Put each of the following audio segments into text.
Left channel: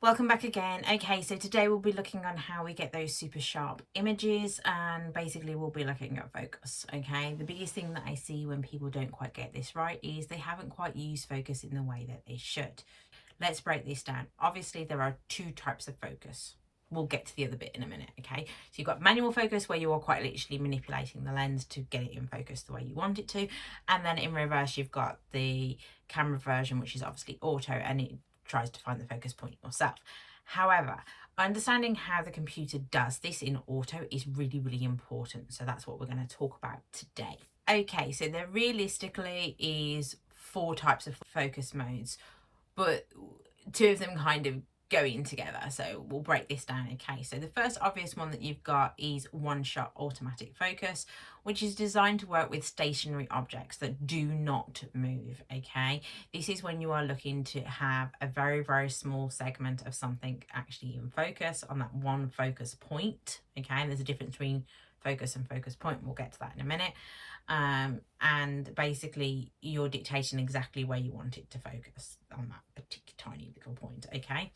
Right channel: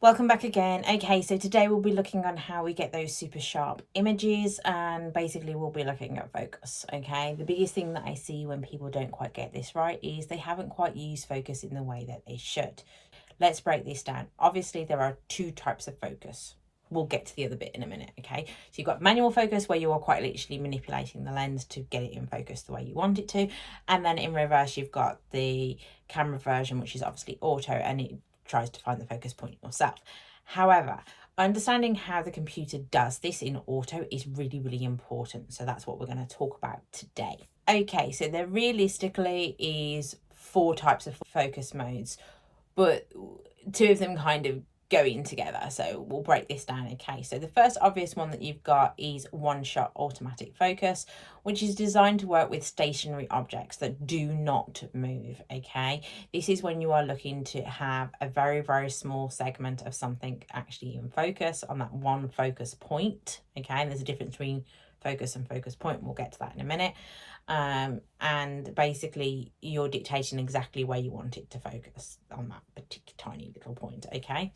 Welcome back again. Okay, so today we'll be looking on how we get those super sharp images, and basically we'll be looking at focus. Okay, the biggest thing that I see when people don't quite get this right is they haven't quite used focus in the way that they should. Let's break this down. Obviously there are two types of focus. We'll get to the other bit in a minute. Okay, so you've got manual focus, where you are quite literally manipulating the lens to get it in focus the way you want it to, and then in reverse you've got the camera version, which is obviously auto, and it tries to find the focus point yourself. However, understanding how the computer does this in auto is really, really important. So that's what we're going to talk about today. Okay, so there realistically is four types of focus modes, but two of them kind of going together. So we'll break this down. Okay, so the first obvious one that you've got is one shot automatic focus, which is designed to work with stationary objects that do not move. Okay, this is when you are looking to have a very, very small segment of something actually in focus on that one focus point. Okay, and there's a difference between focus and focus point. We'll get to that in a minute. And basically you're dictating exactly where you want it to focus on that particular tiny little point. Okay,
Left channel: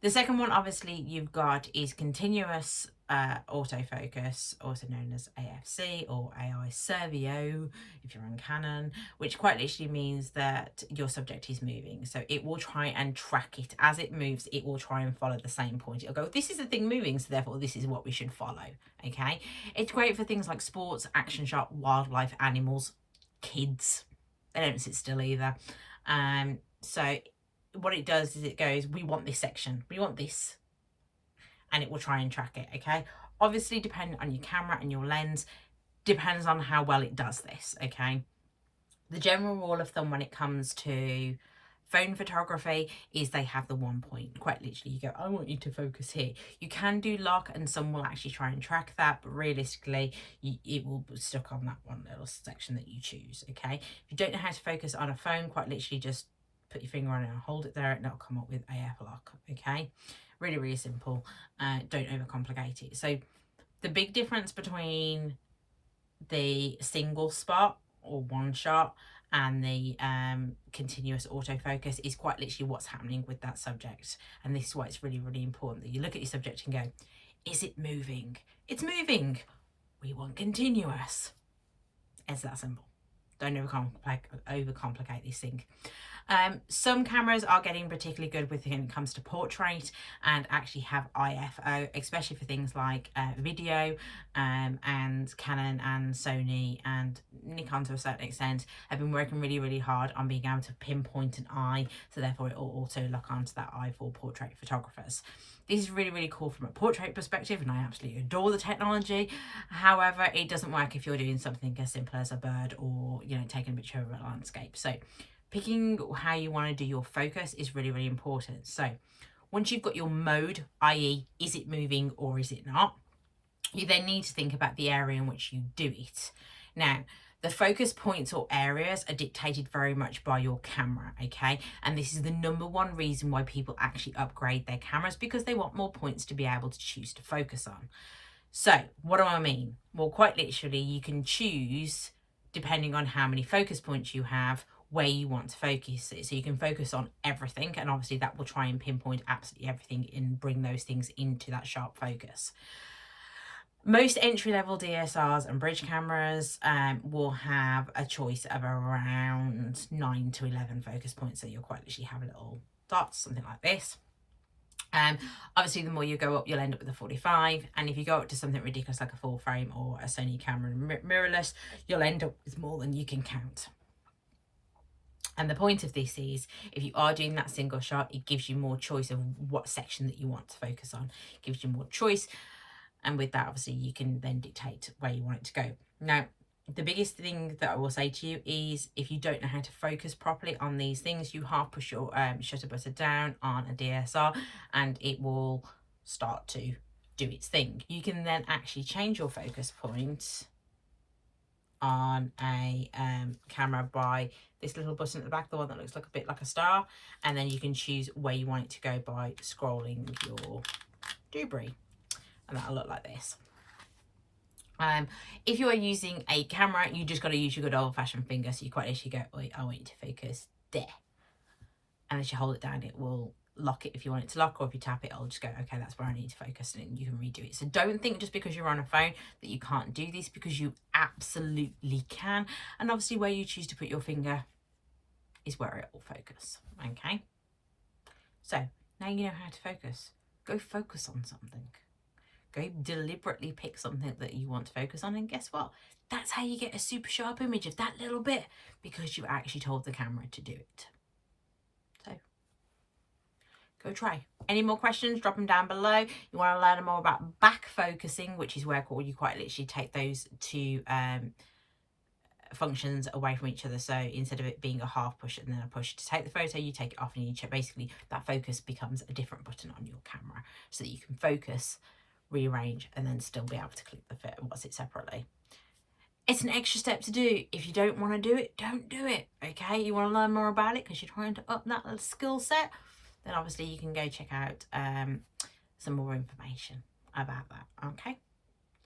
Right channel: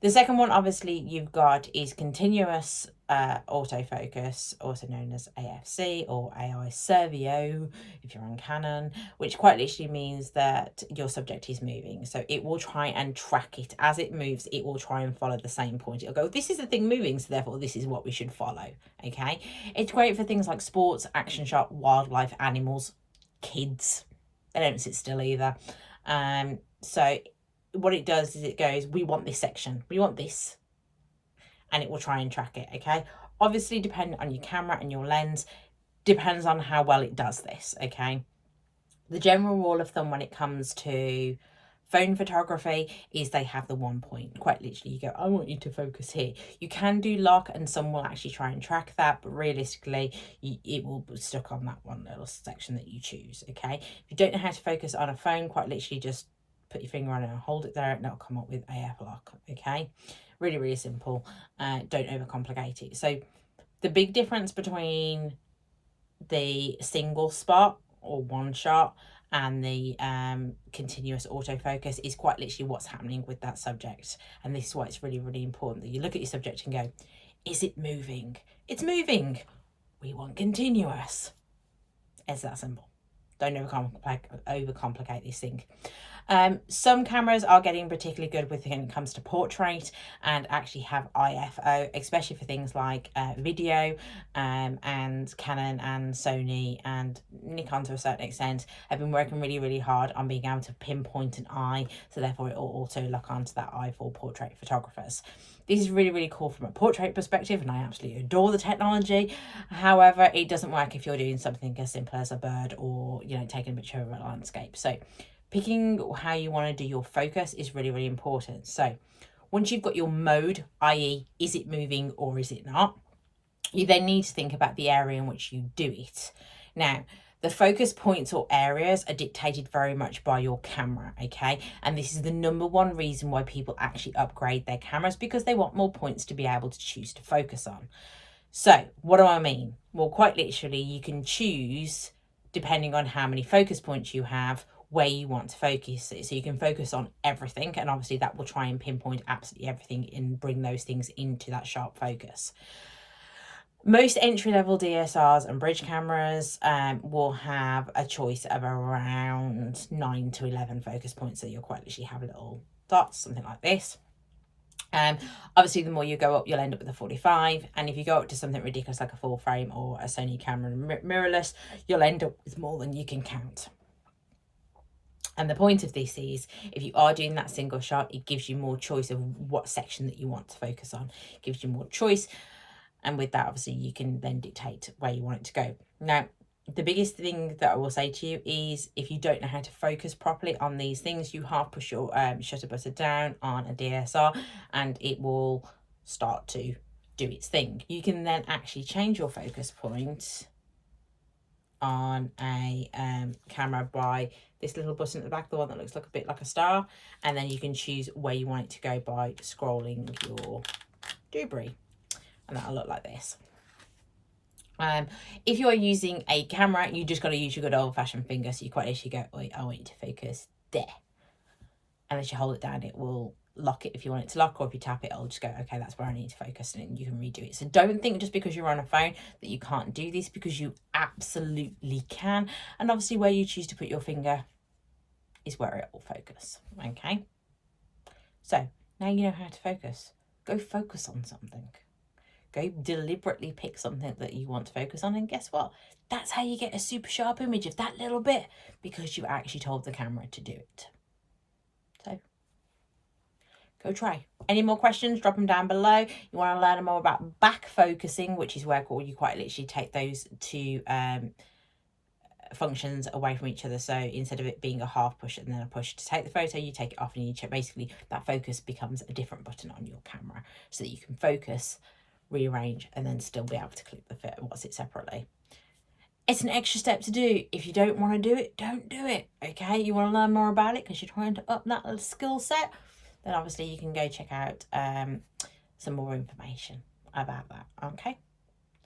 the second one obviously you've got is continuous autofocus, also known as AFC or AI Servo if you're on Canon, which quite literally means that your subject is moving. So it will try and track it as it moves. It will try and follow the same point. It'll go, this is the thing moving, so therefore this is what we should follow. Okay, it's great for things like sports, action shot, wildlife, animals, kids. They don't sit still either. So what it does is it goes, we want this section, we want this, and it will try and track it. Okay, obviously depending on your camera and your lens, depends on how well it does this. Okay, the general rule of thumb when it comes to phone photography is they have the one point. Quite literally, you go, I want you to focus here. You can do lock and some will actually try and track that, but realistically it will be stuck on that one little section that you choose. Okay, if you don't know how to focus on a phone, quite literally just put your finger on it and hold it there, and it'll come up with AF lock. Okay, really, really simple. Don't overcomplicate it. So the big difference between the single spot or one shot and the continuous autofocus is quite literally what's happening with that subject. And this is why it's really, really important that you look at your subject and go, is it moving? It's moving. We want continuous. It's that simple. Don't overcomplicate this thing. Some cameras are getting particularly good when it comes to portrait and actually have IFO, especially for things like video, and Canon and Sony and Nikon to a certain extent have been working really, really hard on being able to pinpoint an eye, so therefore it will auto lock onto that eye for portrait photographers. This is really, really cool from a portrait perspective, and I absolutely adore the technology. However, it doesn't work if you're doing something as simple as a bird or, you know, taking a picture of a landscape. So picking how you want to do your focus is really, really important. So once you've got your mode, i.e. is it moving or is it not, you then need to think about the area in which you do it. Now, the focus points or areas are dictated very much by your camera, okay? And this is the number one reason why people actually upgrade their cameras, because they want more points to be able to choose to focus on. So what do I mean? Well, quite literally, you can choose, depending on how many focus points you have, where you want to focus it. So you can focus on everything, and obviously that will try and pinpoint absolutely everything and bring those things into that sharp focus. Most entry-level DSLRs and bridge cameras will have a choice of around 9 to 11 focus points. So you'll quite literally have little dots, something like this. Obviously the more you go up, you'll end up with a 45, and if you go up to something ridiculous like a full frame or a Sony camera mirrorless, you'll end up with more than you can count. And the point of this is, if you are doing that single shot, it gives you more choice of what section that you want to focus on. It gives you more choice, and with that obviously you can then dictate where you want it to go. Now, the biggest thing that I will say to you is, if you don't know how to focus properly on these things, you half push your shutter button down on a DSLR and it will start to do its thing. You can then actually change your focus point on a camera by this little button at the back, the one that looks like a bit like a star, and then you can choose where you want it to go by scrolling your doobry, and that'll look like this. If you are using a camera, you just got to use your good old-fashioned finger. So you quite literally go, wait, I want you to focus there, and as you hold it down, it will lock it if you want it to lock, or if you tap it, it'll just go, okay, that's where I need to focus, and you can redo it. So don't think just because you're on a phone that you can't do this, because you absolutely can. And obviously where you choose to put your finger is where it will focus. Okay, so now you know how to focus. Go focus on something. Go deliberately pick something that you want to focus on, and guess what? That's how you get a super sharp image of that little bit, because you actually told the camera to do it. So go try. Any more questions, drop them down below. You want to learn more about back focusing, which is where you quite literally take those two functions away from each other. So instead of it being a half push and then a push to take the photo, you take it off and you check. Basically that focus becomes a different button on your camera, so that you can focus, rearrange, and then still be able to click the what's it separately. It's an extra step to do. If you don't want to do it, don't do it. Okay, you want to learn more about it because you're trying to up that skill set, then obviously you can go check out some more information about that. Okay.